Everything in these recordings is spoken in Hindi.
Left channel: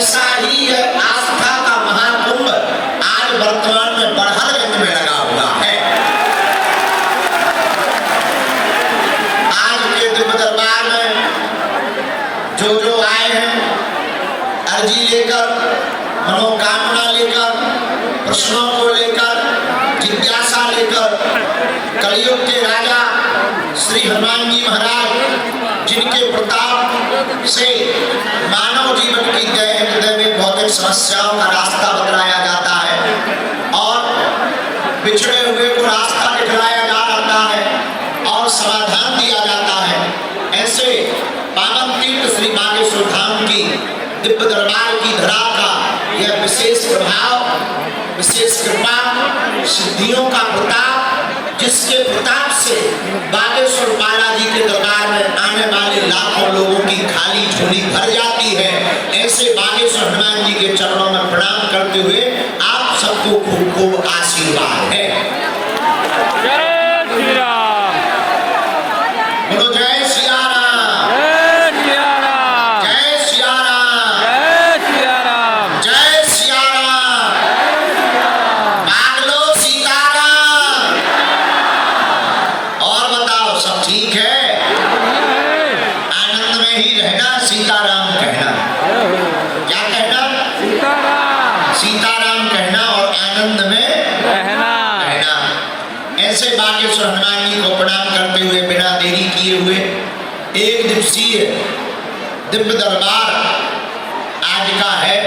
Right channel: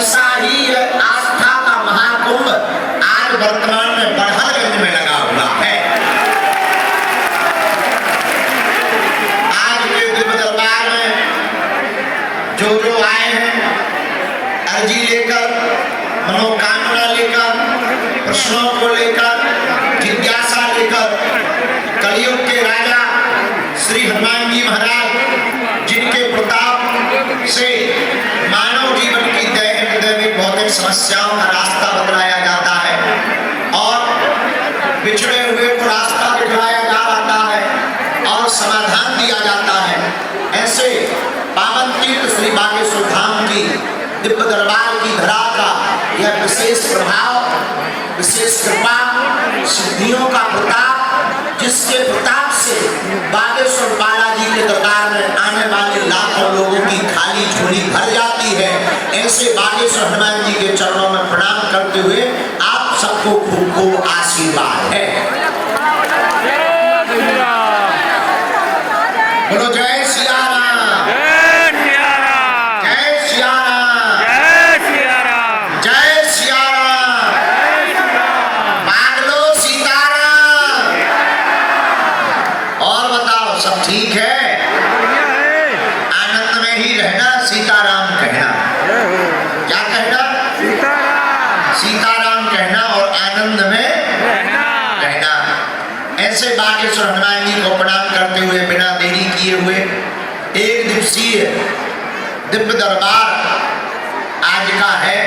ऐसा ही आस्था का महाकुंभ आज वर्तमान में बड़हलगंज में लगा हुआ है। आज के दिव्य दरबार में जो आए हैं अर्जी लेकर, मनोकामना लेकर, प्रश्नों को लेकर, जिज्ञासा लेकर, कलयुग के राजा श्री हनुमान जी महाराज जिनके प्रताप से मानव जीवन की दैनिक भौतिक समस्याओं का रास्ता बतलाया जाता है और बिछड़े हुए को रास्ता दिखलाया जाता है और समाधान दिया जाता है। ऐसे पावन तीर्थ श्री बागेश्वर धाम की दिव्य दरबार की धरा का यह विशेष प्रभाव, विशेष कृपा, सिद्धियों का प्रताप, जिसके प्रताप से बागेश्वर बालाजी के दरबार में आने वाले लाखों लोगों की खाली झोली भर जाती है। ऐसे बागेश्वर हनुमान जी के चरणों में प्रणाम करते हुए आप सबको खूब खूब आशीर्वाद है। बोलो जय सिया राम, जय सिया राम, जय सिया राम, जय सिया राम, जय सिया राम, मांग लो सीताराम। और बताओ सब ठीक है? बढ़िया है। आनंद में ही रहना, सीताराम कहना। क्या कहना? सीताराम, सीताराम कहना और आनंद में रहना। ऐसे बागेश्वर हनुमान जी को प्रणाम करते हुए बिना देरी किए हुए एक दिवसीय दिव्य दरबार आज का है,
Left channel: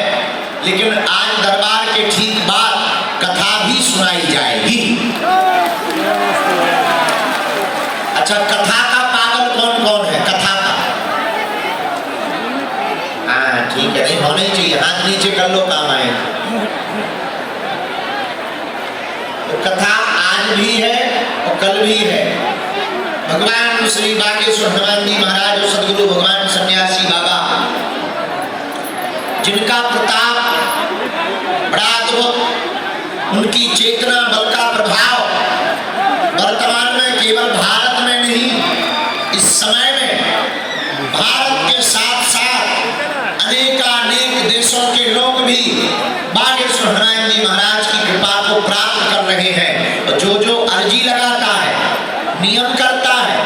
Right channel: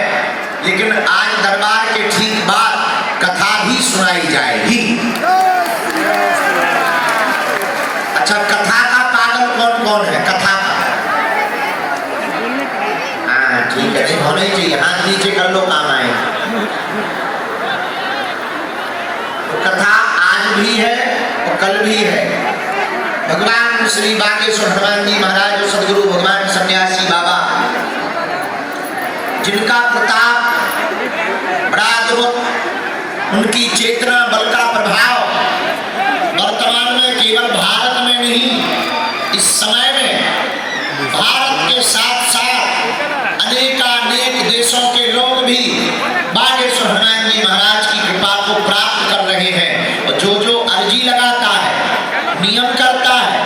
लेकिन आज दरबार के ठीक बाद कथा भी सुनाई जाएगी। अच्छा, कथा का पागल कौन कौन है? कथा का हाँ ठीक है, नहीं होना ही चाहिए, हाथ नीचे कर लो, काम आए। तो कथा आज भी है और कल भी है। भगवान श्री बागेश्वर हनुमान जी महाराज और सदगुरु भगवान सन्यासी बाबा जिनका प्रताप बड़ा अद्भुत, उनकी चेतना बल का प्रभाव वर्तमान में केवल भारत में नहीं, इस समय में भारत के साथ साथ अनेकानेक देशों के लोग भी बागेश्वर हनुमान जी महाराज की कृपा को प्राप्त कर रहे हैं। और जो अर्जी लगाता है, नियम करता है,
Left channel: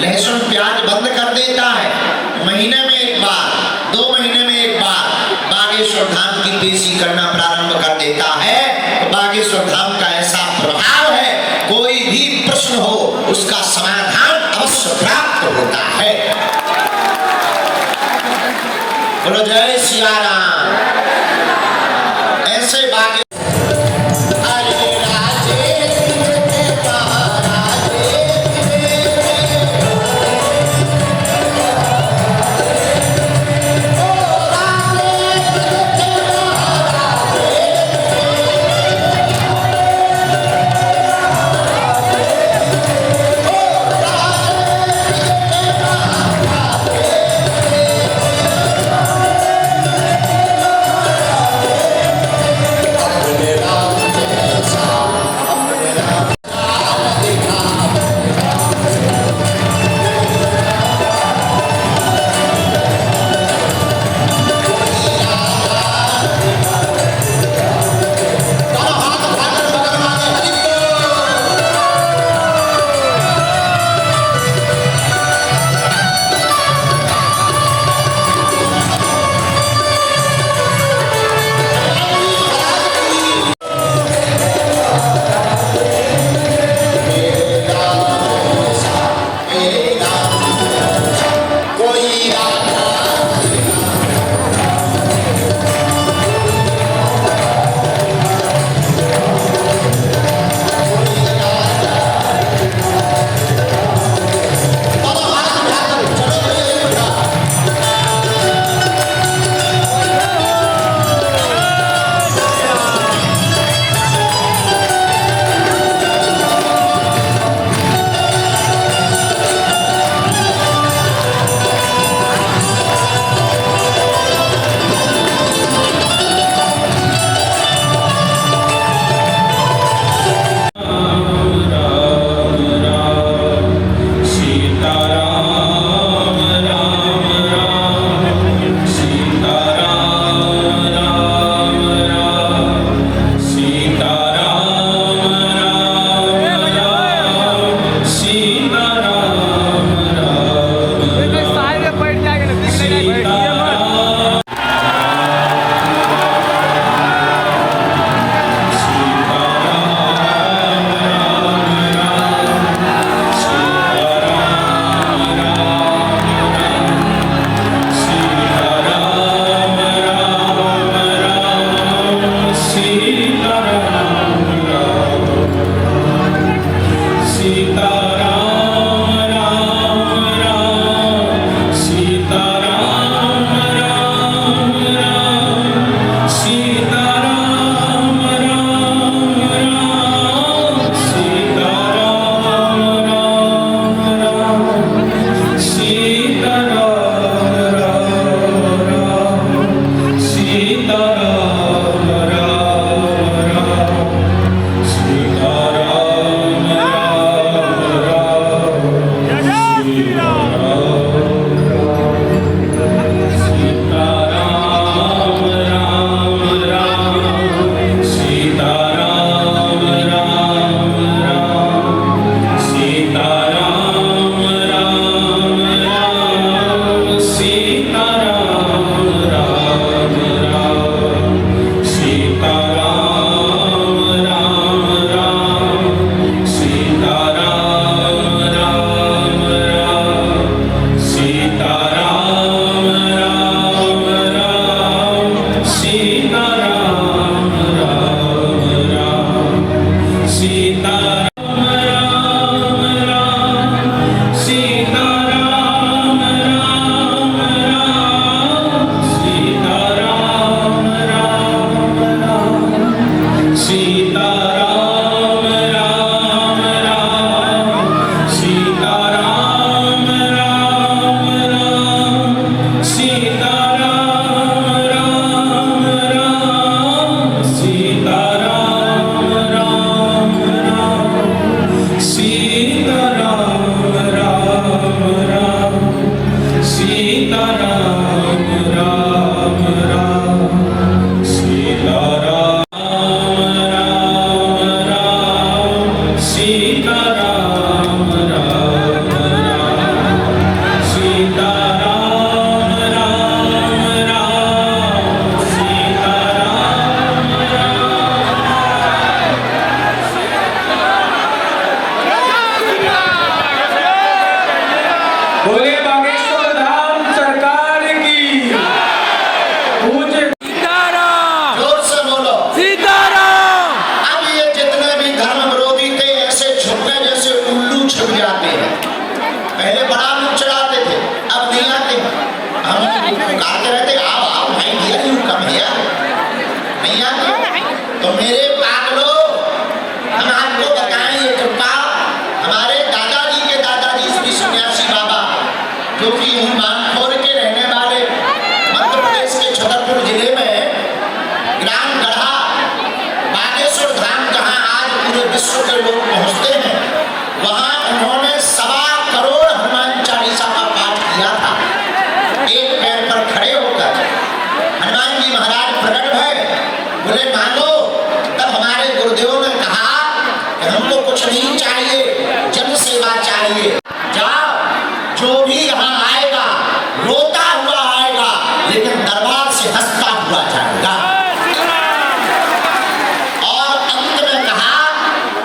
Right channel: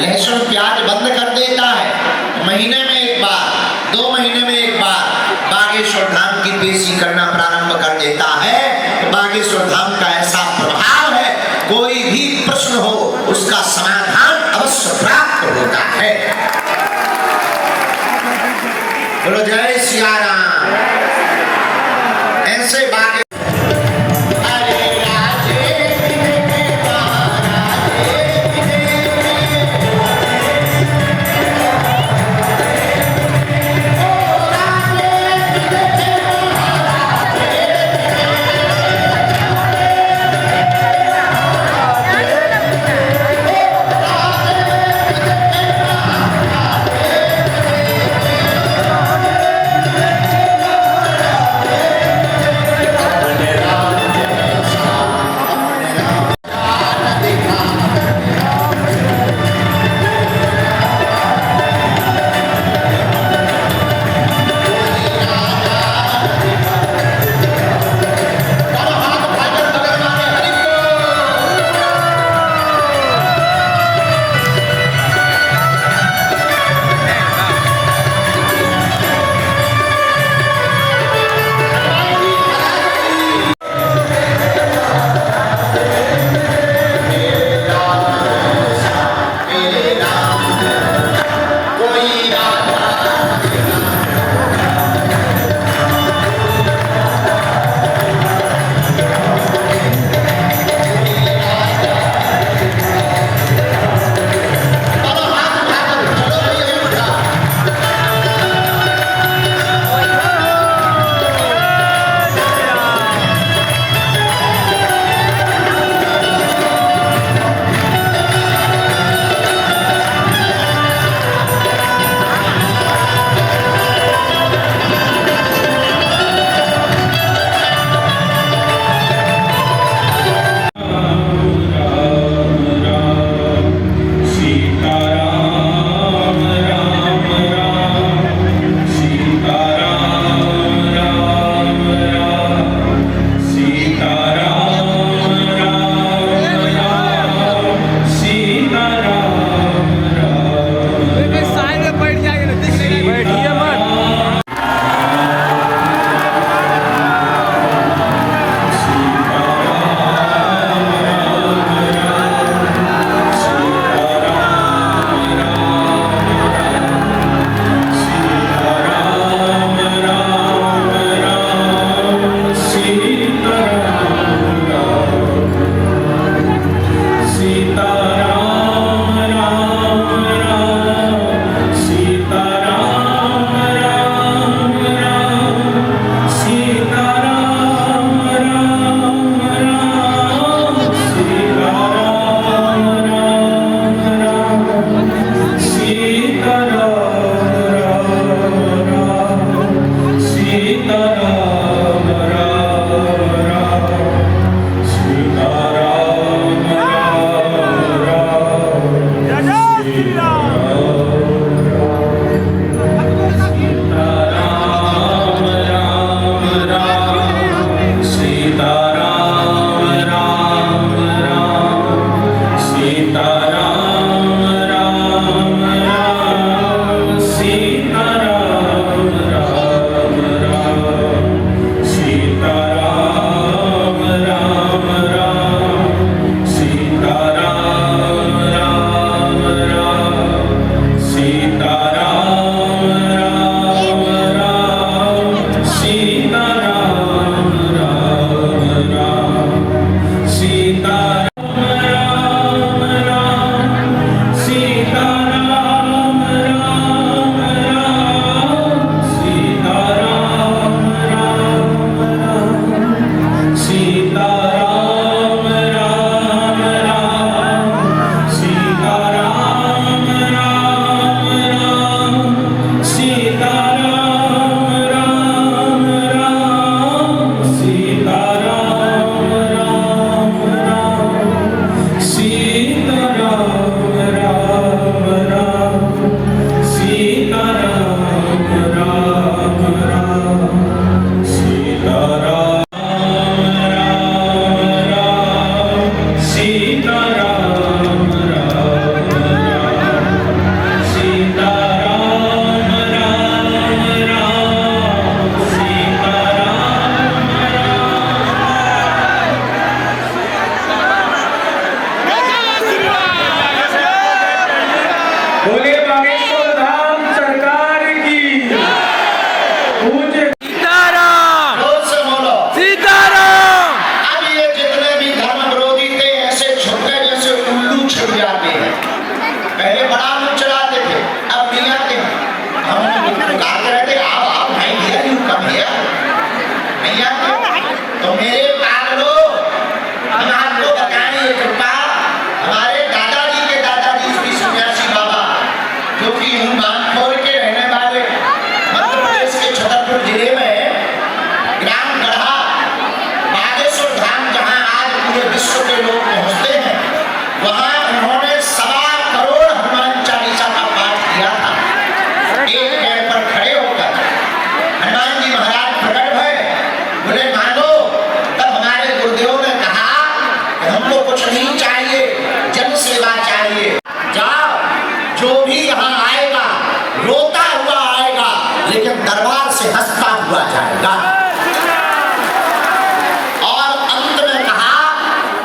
लहसुन प्याज बंद कर देता है, महीने में एक बार, 2 महीने में एक बार बागेश्वर धाम की पेशी करना प्रारंभ कर देता है, तो बागेश्वर धाम का ऐसा प्रभाव है, कोई भी प्रश्न हो उसका समाधान अवश्य प्राप्त होता है। बोलो जय सिया राम। ऐसे बागे प्रकट भय, बोले मांगो। तब हमारे गुरुदेव ने कहा कि हमको कुछ नहीं चाहिए, जन सेवा चाहिए। जाओ, जो भी यहाँ आएगा रोता हुआ आएगा, लेकिन दरबार से हंसता हुआ जाएगा। और अंत में कहा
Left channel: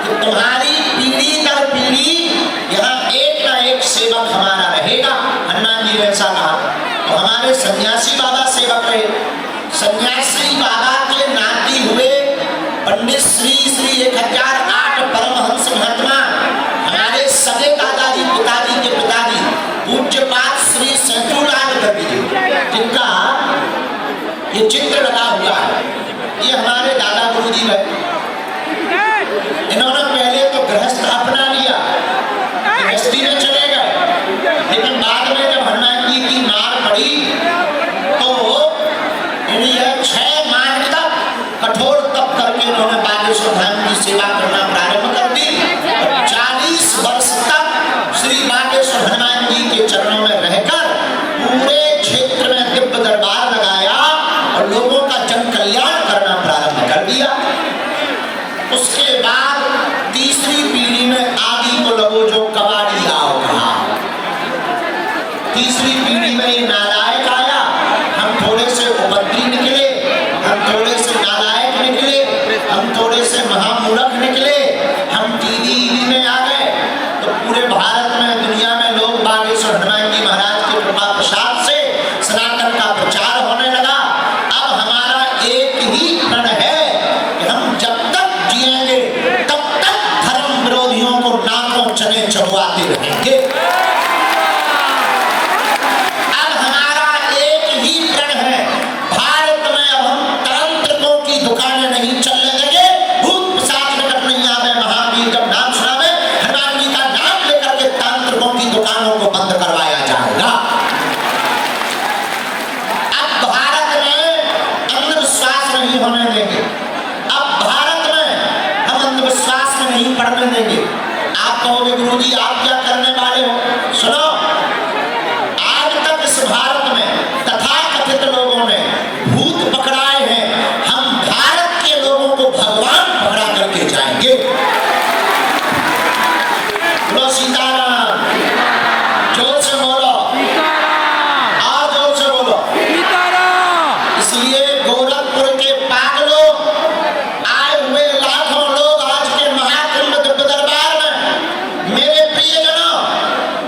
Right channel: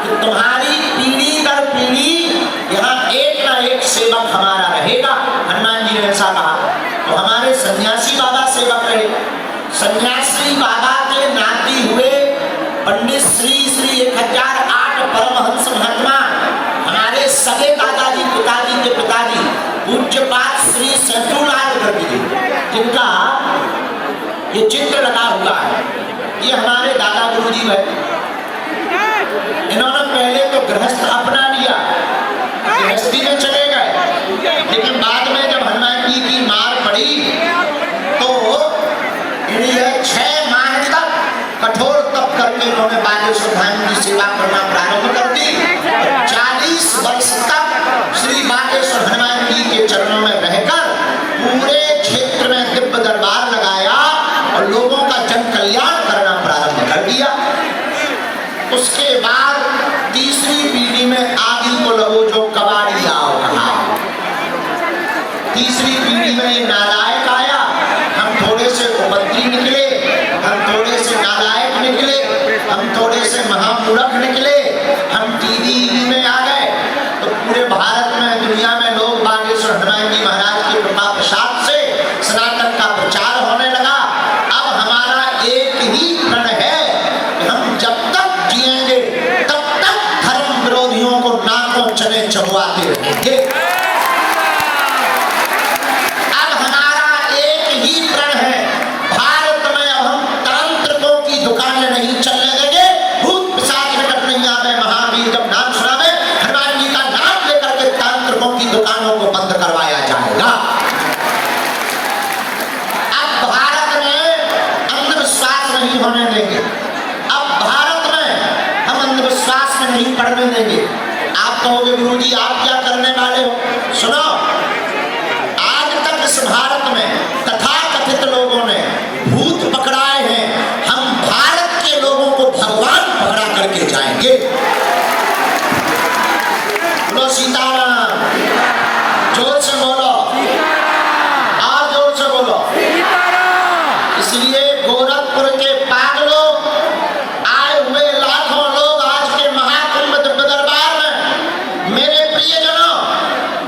कि तुम्हारी पीढ़ी दर पीढ़ी यहाँ एक ना एक सेवक हमारा रहेगा। हनुमान जी ने ऐसा कहा। तो हमारे सन्यासी बाबा सेवक रहे। सन्यासी बाबा के नाती हुए पंडित श्री 1008 परमहंस महात्मा, हमारे सगे दादाजी पिताजी के पिताजी पूज्यपाद श्री शत्रुलाल गर्ग जी, जिनका ये चित्र लगा हुआ है, ये हमारे दादा गुरु जी है। इन्होंने पहले तो गृहस्थ अपना लिया, गृहस्थी में चले गए, लेकिन बाद में जब हनुमान जी की मार पड़ी तो इन्हें 6 माह तक कठोर तप करके उन्होंने बागेश्वर धाम की सेवा करना प्रारंभ कर दी। 40 वर्ष तक श्री बागेश्वर हनुमान जी के चरणों में रहकर पूरे क्षेत्र में दिव्य दरबार लगाया और लोगों का जन कल्याण करना प्रारंभ कर दिया। उसके बाद तीसरी पीढ़ी में आदि को लगो जो कबाड़ी आओ कहा। तीसरी पीढ़ी में ये नालायक आया, हम थोड़े से उपद्री निकले, हम थोड़े से नालायक निकले, हम थोड़े से महामूर्ख निकले, हम टीवी में आ गए। तो पूरे भारत में दुनिया में लोग बागेश्वर हनुमान जी महाराज के कृपा प्रसाद से सनातन का प्रचार होने लगा। अब हमारा एक ही प्रण है कि हम जब तक जिएंगे तब तक धर्म विरोधियों को नाकों चने चबवाते रहेंगे। अब हमारा एक ही प्रण है, भारत में अब हम तांत्रिकों की दुकानें नहीं चलने देंगे। भूत पिशाच निकट नहीं आवे, महावीर जब नाम सुनावे हनुमान जी का नाम लेकर के तांत्रिकों की दुकानों को बंद करवाया जाएगा। अब भारत में अंधविश्वास नहीं होने देंगे। अब भारत में हम अंधविश्वास में नहीं पड़ने देंगे। आप कहोगे गुरु जी आप क्या करने वाले हो? सुनो, आज तक इस भारत में तथाकथित लोगों ने भूत पकड़ाए हैं, हम भारत के लोगों को भगवान पकड़ा करके जाएंगे। बोलो सीताराम, जोर से बोलो, और जोर से बोलो। इसलिए गोरखपुर के पागलों, आए हुए लाखों लोग आज के महाकुंभ दिव्य दरबार में, मेरे प्रियजनों,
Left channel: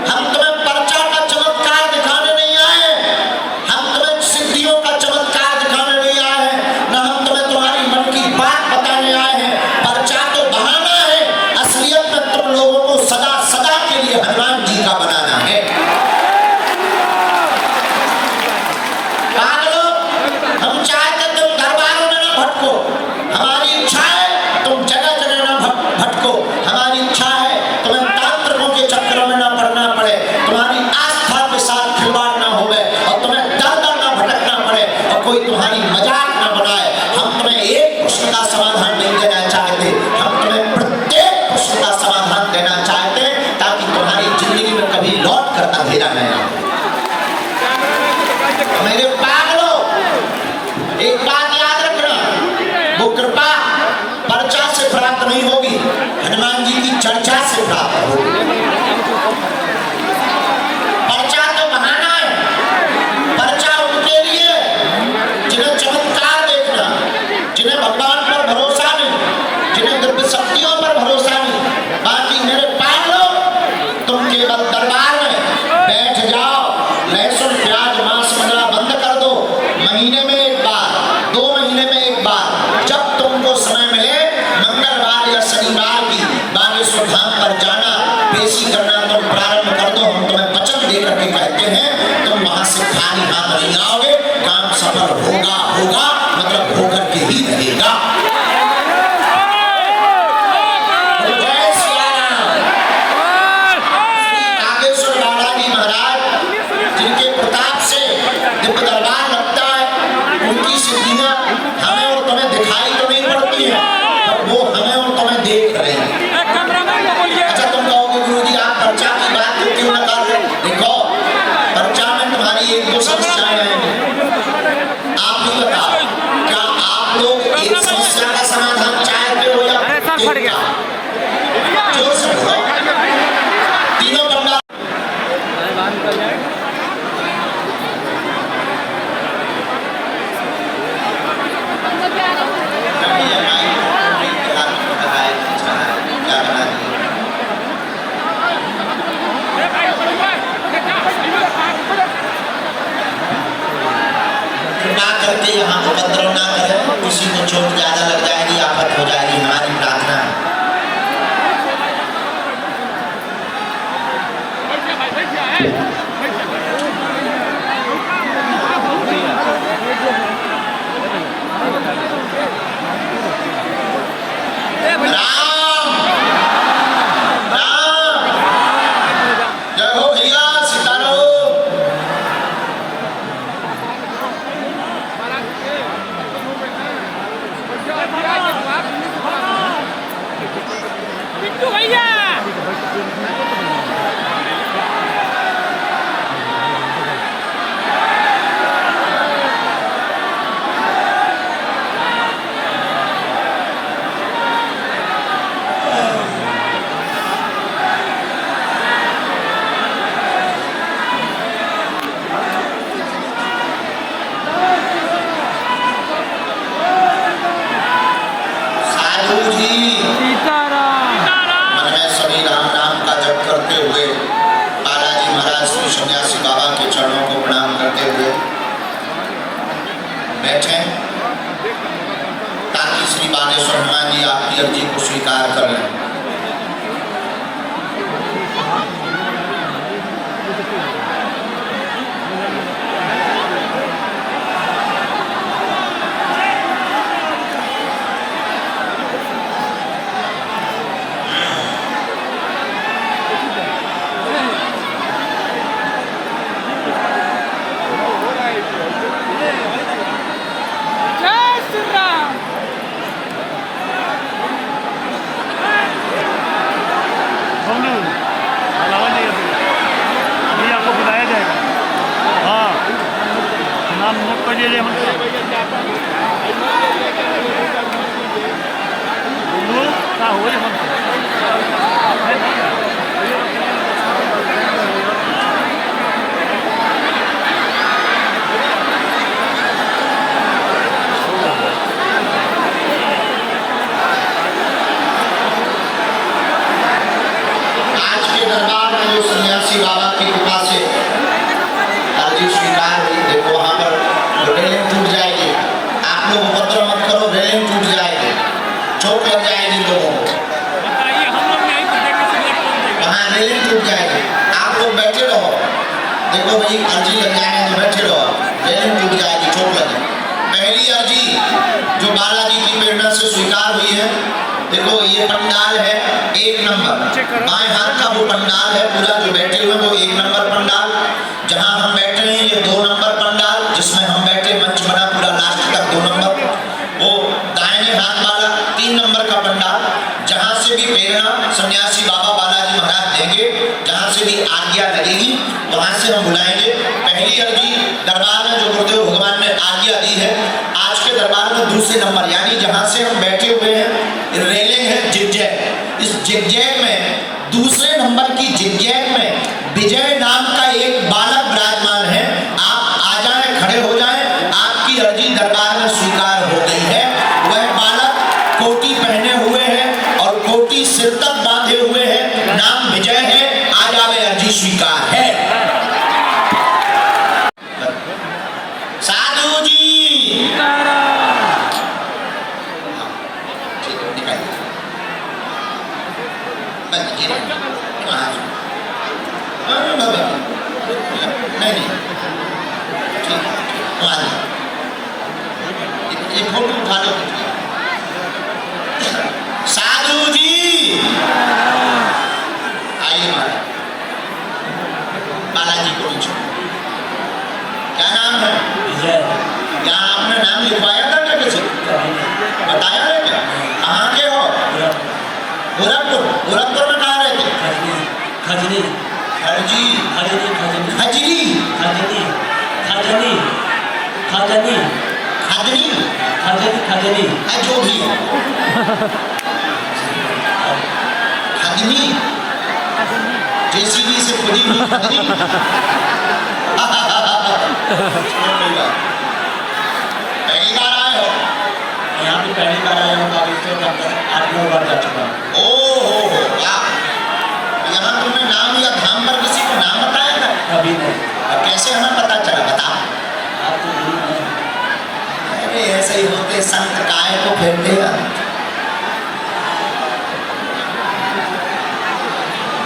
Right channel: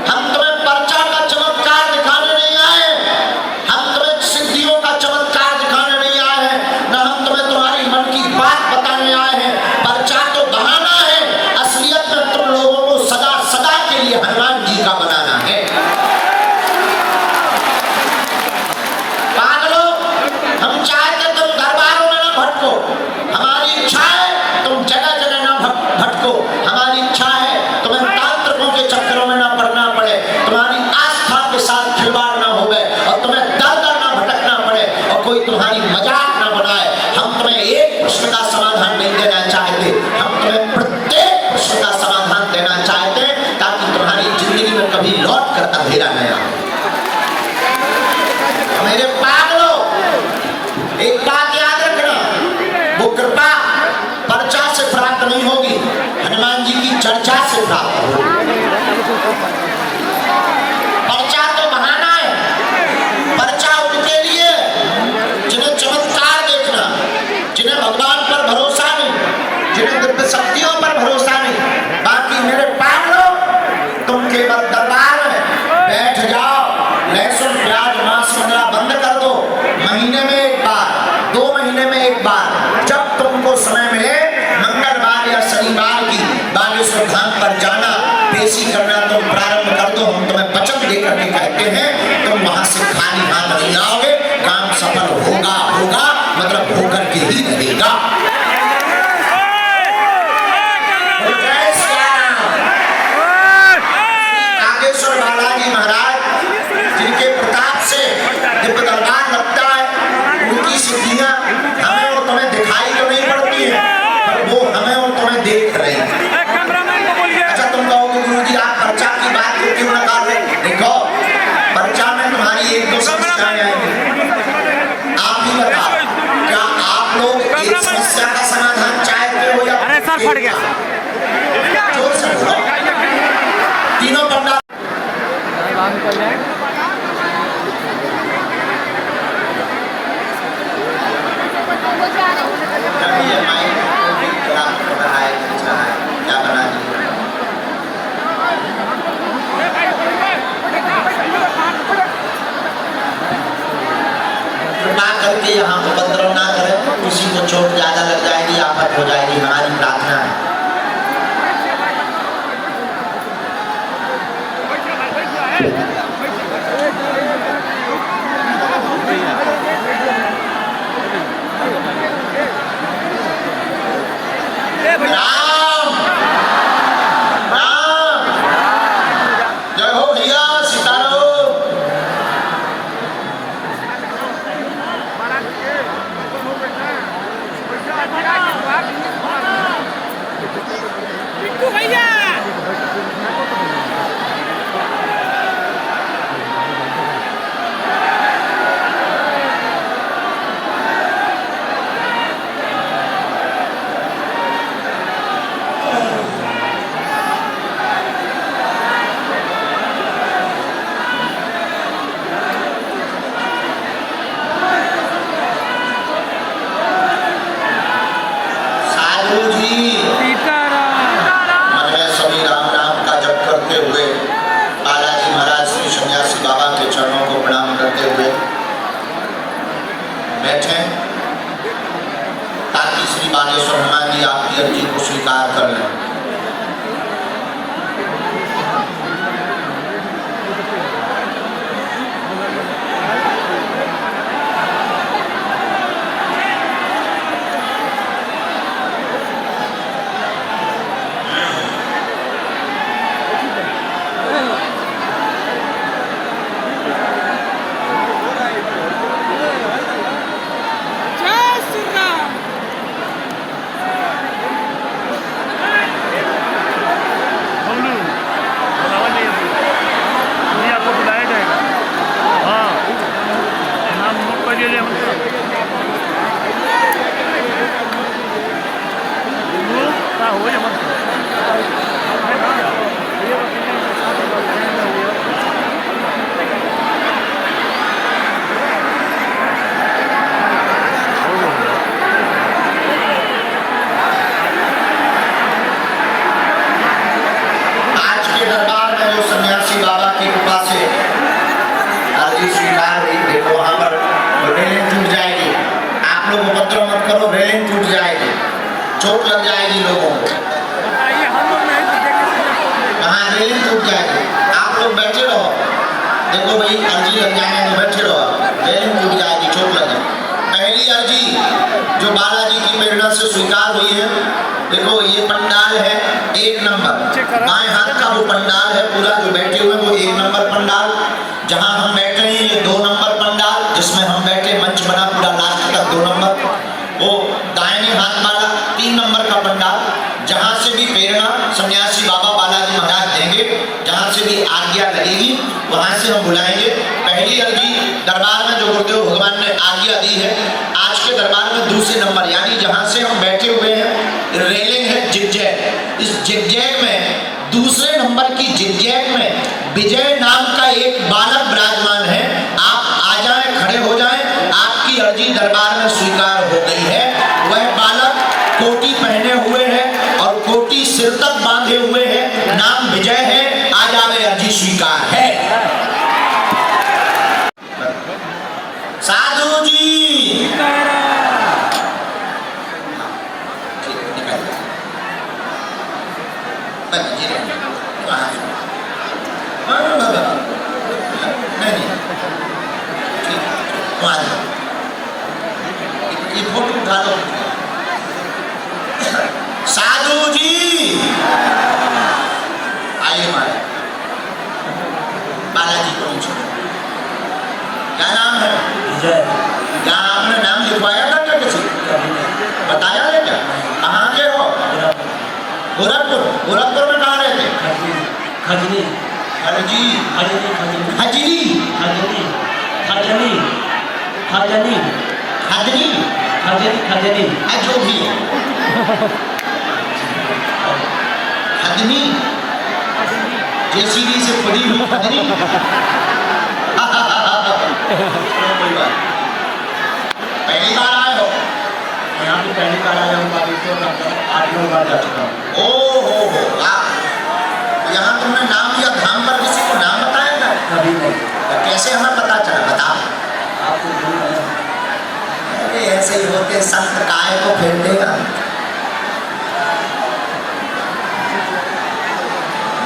हम तुम्हें पर्चा का चमत्कार दिखाने नहीं आए, हम तुम्हें सिद्धियों का चमत्कार दिखाने नहीं आए हैं, न हम तुम्हें तुम्हारी मन की बात बताने आए हैं। पर्चा तो बहाना है, असलियत में तुम लोगों को सदा सदा के लिए हनुमान जी का बनाना है। पागलों, हम चाहते तुम दरबारों में ना भटको, हमारी इच्छा है तुम जगह जगह ना भटको, हमारी इच्छा है तुम्हें तांत्रिकों के चक्करों में ना पड़ना पड़े, तुम्हारी आस्था के साथ खिलवाड़ ना होवे और तुम्हें दर दर ना भटकना पड़े और कोई तुम्हारी मजाक ना बनाए। हम तुम्हें एक प्रश्न का समाधान नहीं देना चाहते, हम तुम्हें प्रत्येक प्रश्न का समाधान देना चाहते हैं, ताकि तुम्हारी जिंदगी में कभी लौट कर अंधेरा न आए। मेरे पागलों, एक बात याद रखना, वो कृपा पर्चा से प्राप्त नहीं होगी, हनुमान जी की चर्चा से प्राप्त होगी। पर्चा तो बहाना है, पर्चा उनके लिए जिन्हें चमत्कार देखना, जिन्हें भगवान पर भरोसा नहीं, जिन्हें दिव्य शक्तियों पर भरोसा नहीं। बाकी मेरे पागलों, तुम केवल दरबार में बैठ जाओ, लहसुन प्याज मांस वगैरह बंद कर दो, महीने में एक बार, 2 महीने में एक बार, जब तुमको समय मिले मंगलवार या शनिवार की बागेश्वर धाम पर जाना, पेशी करना तुम प्रारंभ कर दो। हम तुम्हें वचन दे करके कहते हैं, तुम वहां से खाली हाथ नहीं आओगे, काम सफल होगा होगा मतलब होकर के ही रहेगा। नागेश्वर बालाजी महाराज, जिनके प्रताप से दिव्य दरबार लगता है, उनकी सिद्धियां हमें और तुम्हें दिखाई तो नहीं पड़ती है, पर वो हमें और तुम्हें देख रही है। अच्छा, तुम कहोगे गुरु जी आप पर्चा की बात क्यों न कर रहे? देखो, पर्चा में तुम्हारी 1-2 समस्याएं आएंगी। आप ही बताओ, क्या एक समस्या का समाधान चाहते हो या अरे सर फट गया। जोर से बोलो। तीनों पंडाल ये माइक क्या बना है, क्या बना दिया? कृपा करके यहाँ उपद्रव ना करें, किसी को चोट ज्यादा लग जाएगी, आफत हो जाएगी, हमारी प्रार्थना है। राम राम जय हो भैया, सीताराम। साधु जी सीताराम। मन में सभी राम नाम का जप करते हुए बालाजी महाराज श्री सन्यासी बाबा के चरणों को प्रणाम करते हुए बैठे, ताकि श्री बागेश्वर हनुमान जी आपकी अर्जी को स्वीकार कर लें। चोट लग जाएगी लोगों को, बताइए, हम लोग नहीं तो देखने से वहाँ रेलिंग टूट जाएगी। आप लोग बैठे रहो, देखो भाई अर्जी लग जाने तो बैठे रहो, रेलिंग टूट जाएगी, चोट लग जाएगी। पहली अर्जी जो बालाजी की प्रेरणा से स्वीकार हुई है, देखो ये पंडाल है 1 नंबर, बाएं हाथ का वो पंडाल है पूरा जो बैठे हुए वो 1 नंबर पंडाल। जहाँ हम बैठे हैं ये 2 नंबर पंडाल, जिसमें हम बैठे मंच बना पूरा लास्ट तक 2 नंबर। वो दाहिने हाथ वाला 3 नंबर का पंडाल, जहाँ से भी प्रेरणा सन्यासी बाबा बालाजी महाराज देंगे, जहाँ से भी आज्ञा लगेगी वहाँ से हम बुलाएंगे। पहली अर्जी दरबार में जो गुरुदेव भगवान ने आज्ञा दी है, आज के दरबार में दूसरे नंबर, यानी जहाँ से हम बैठे हुए हैं रेलिंग है जिगजैग, इस जिगजैग में दूसरे नंबर की जिगजैग में विजय नाम का एक बालक विराजमान है। आप आ जाएं, खड़े हो जाएं, आपकी अर्जी दरबार में स्वीकार हो गई है। वह बालक कोटी पहने हुए है और कोटी सिर तक बांधे हुए है, नाम विजय है, आज आवे अर्जी स्वीकार है। साधु जी नहीं ये फोटो उठा लो। साधु जी आइए मारे बालाजी को नीचे। क्या नाम है? विजय। क्या आपने नाम लिखवाया था क्या किसी? बताया है क्या? कहाँ के हो? गोरखपुर। गोरखपुर में कहाँ रहते? खजनी। हरजी खजनी। हजरी खजनी। खजनी। खजनी। खजनी खजनी जो भी खजनी जेसीबी से खुदी हुई खजनी पहली बार आए हो यहाँ पे पहली बार आया हूँ बागेश्वर के अंदर 8-9 बार जा चुका हूँ। ओ हो वाह। यहाँ तुमने नाम लिया धाम पर, किसी को नाम बताया था? कभी नहीं। और कैसे हमें पता चला, बता। आपको भूल नहीं। अरे ऐसे ही होते संत, काय को फेर देगा।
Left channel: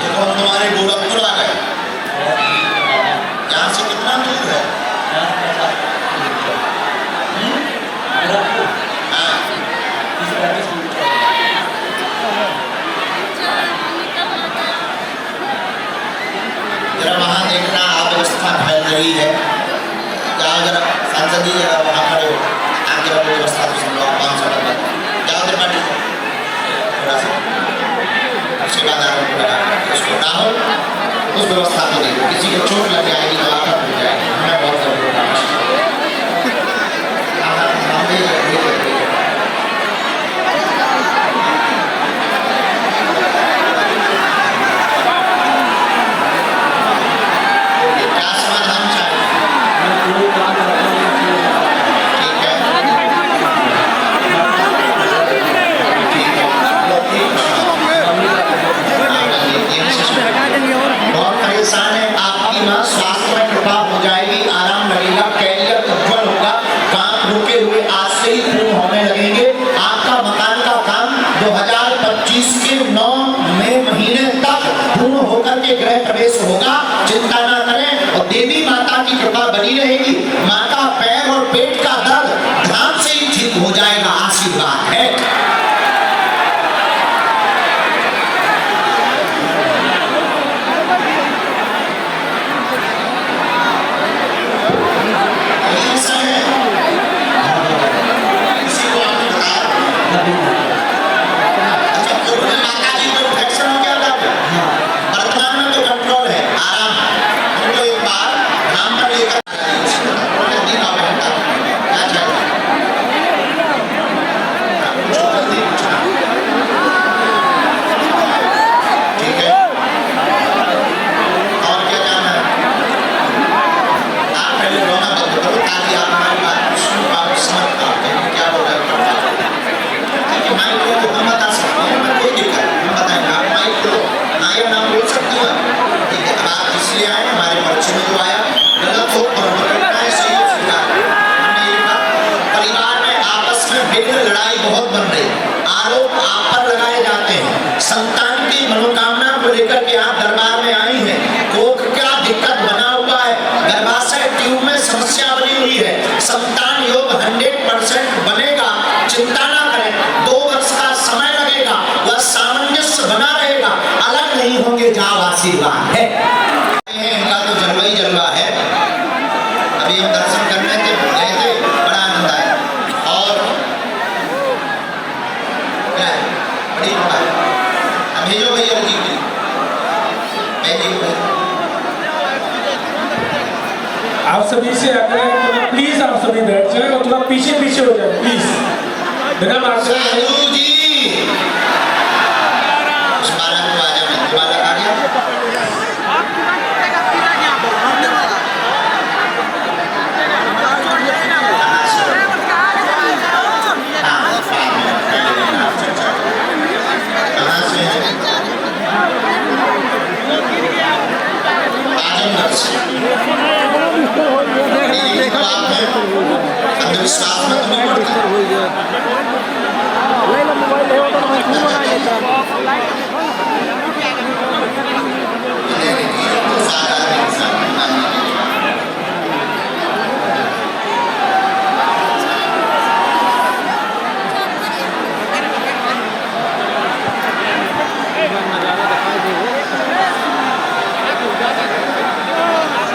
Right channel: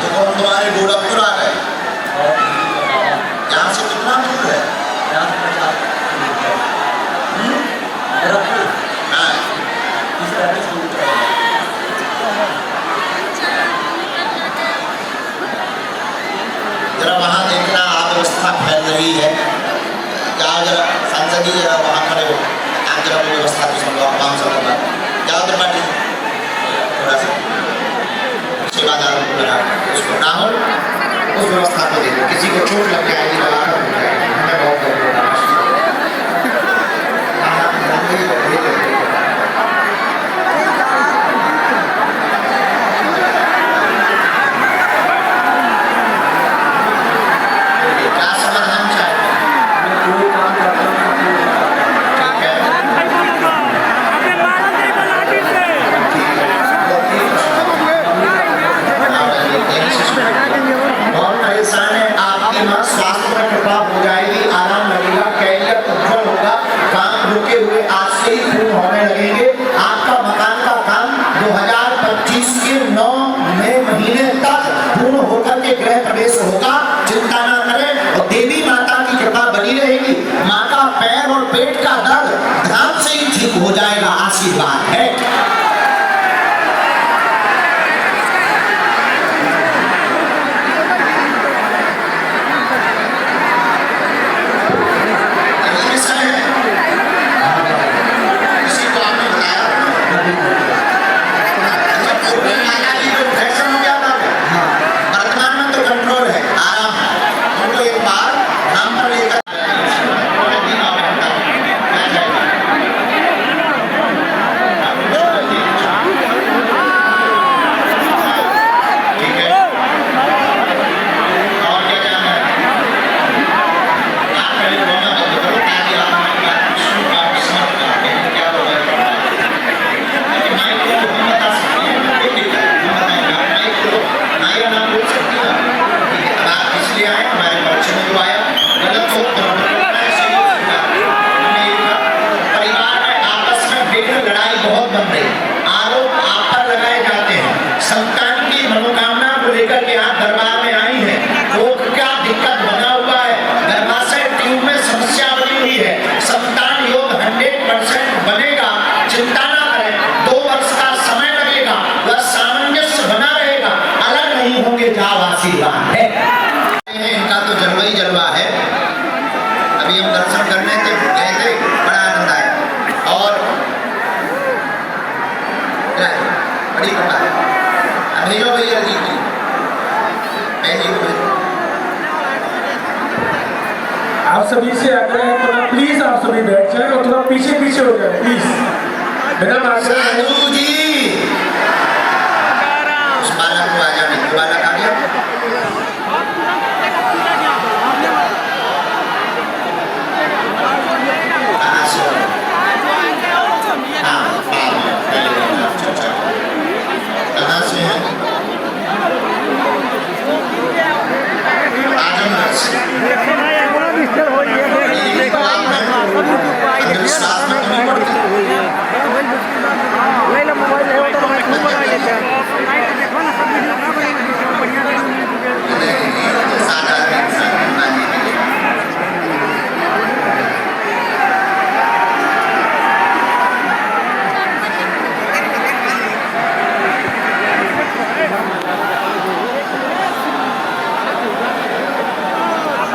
देखो हम तुम्हारे गोरखपुर आ गए। यहाँ से कितना दूर है? यहाँ से 50 किलोमीटर। गोरखपुर हाँ, 30-35 किलोमीटर। जरा वहाँ देखना अव्यवस्था फैल रही है। जाओ जरा संसदीय जरा वहाँ खड़े हो, आप जरा व्यवस्था को समझो। 500 जाओ जरा बैठो थोड़ा सा, सेवादारों को लगा उसको राहुल उस व्यवस्था को देखो। किसी को चोट लग जाएगी तो आकर हो जाएगी। हमें बहुत जरूरी है। क्या समाधान चाहिए? मैं पूरे काम करता हूँ। ठीक है, हटा देंगे और बहुत परेशान है। आपकी ना स्वास्थ्य में कृपा हो जाएगी, आराम लगेगा, कैरियर उज्जवल होगा, काम रुके हुए आज से ही पूर्ण होने लगेंगे। आपका मकान का काम 2025 के 9 मई महीने तक पूर्ण होकर के गृह प्रवेश होगा। चिंता न करें और देवी माता की कृपा बनी रहेगी। माँ का पैर और पेट का दर्द ध्यान से ही ठीक हो जाएगा, आशीर्वाद है। संतान की मनोकामना को लेकर के आप दरबार में आई हैं। रोग क्या दिक्कत बना हुआ है? गर्भाशय ट्यूब में समस्या बनी हुई है। संतान योग 100% बनेगा, चिंता ना करें। 2 वर्ष का समय लगेगा, वह सामंजस्य बना रहेगा, अलग नहीं होंगे। जाओ, आशीर्वाद है। इनका तो जलवा ही जलवा है। अभी हम दर्शन करने के गए थे, बड़ा आनंद आया। और बड़ी बात अभी जो भैया जी आप सभी से आग्रह है थोड़ा प्लीज आप सभी बैठ जाए और थोड़ा पीछे पीछे हो जाए प्लीज। मेरा आग्रह है। साधु जी उस बालक को आ जाने, बालक आ गया। कहाँ से है? आजमगढ़ से। ये तो आप हैं, अंधविश्वास में नहीं पड़ते। मोबाइल है वो तो मैं खूब बना लेता साधारण इंसान बनाने के लिए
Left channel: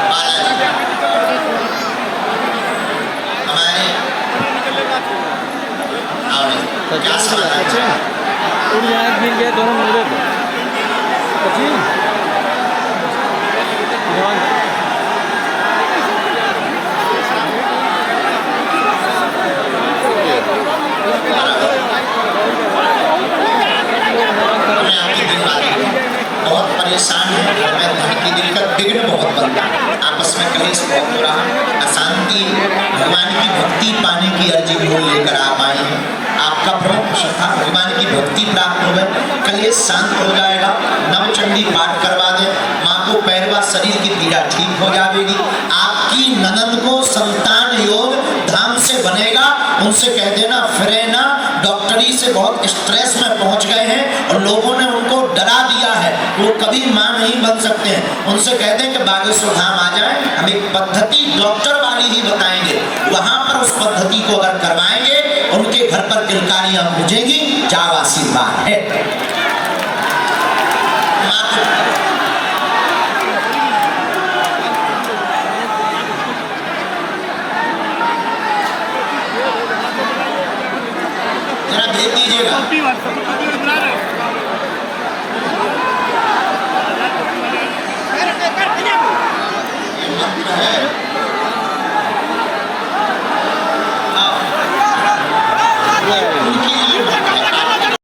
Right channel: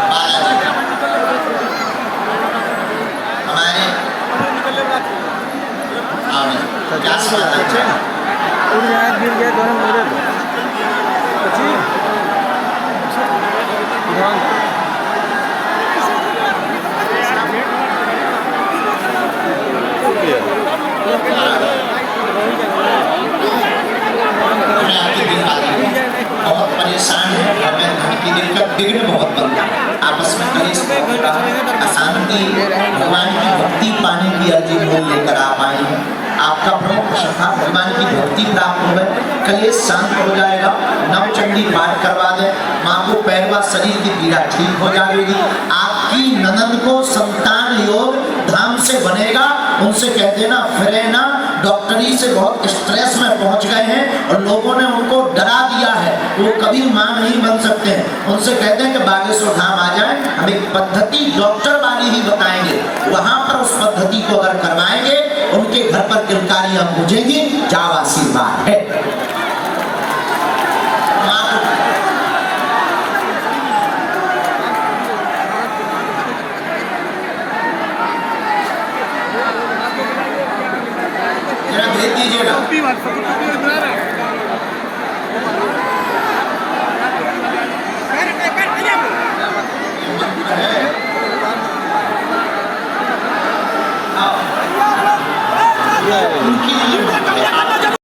बालाजी हमारे आओ नहीं क्या समाधान चाहिए? उड़ जाए गिर जाए दोनों मिल गए ध्यान आपस में कलेश बहुत हो रहा, अशांति, भगवान की भक्ति पाने की अर्जी मोल लेकर आप आए हैं। आपका प्रमुख प्रश्न था भगवान की भक्ति प्राप्त हो गए, कलेश शांत हो जाएगा, नवचंडी पाठ करवा दें, माँ को पहलवा शरीर की पीड़ा ठीक हो जाएगी, आपकी ननद को संतान योग धाम से बनेगा। उनसे कह देना फिरे ना, डॉक्टरी से बहुत स्ट्रेस में पहुंच गए हैं और लोगों ने उनको डरा दिया है, वो कभी मां नहीं बन सकते हैं। उनसे कह दें कि बागेश्वर धाम आ जाए, हम एक पद्धति डॉक्टर वाली ही बताएंगे, वहां पर उस पद्धति को अगर करवाएंगे उनके घर पर किलकारियां गूंजेंगी, जाओ आशीर्वाद है।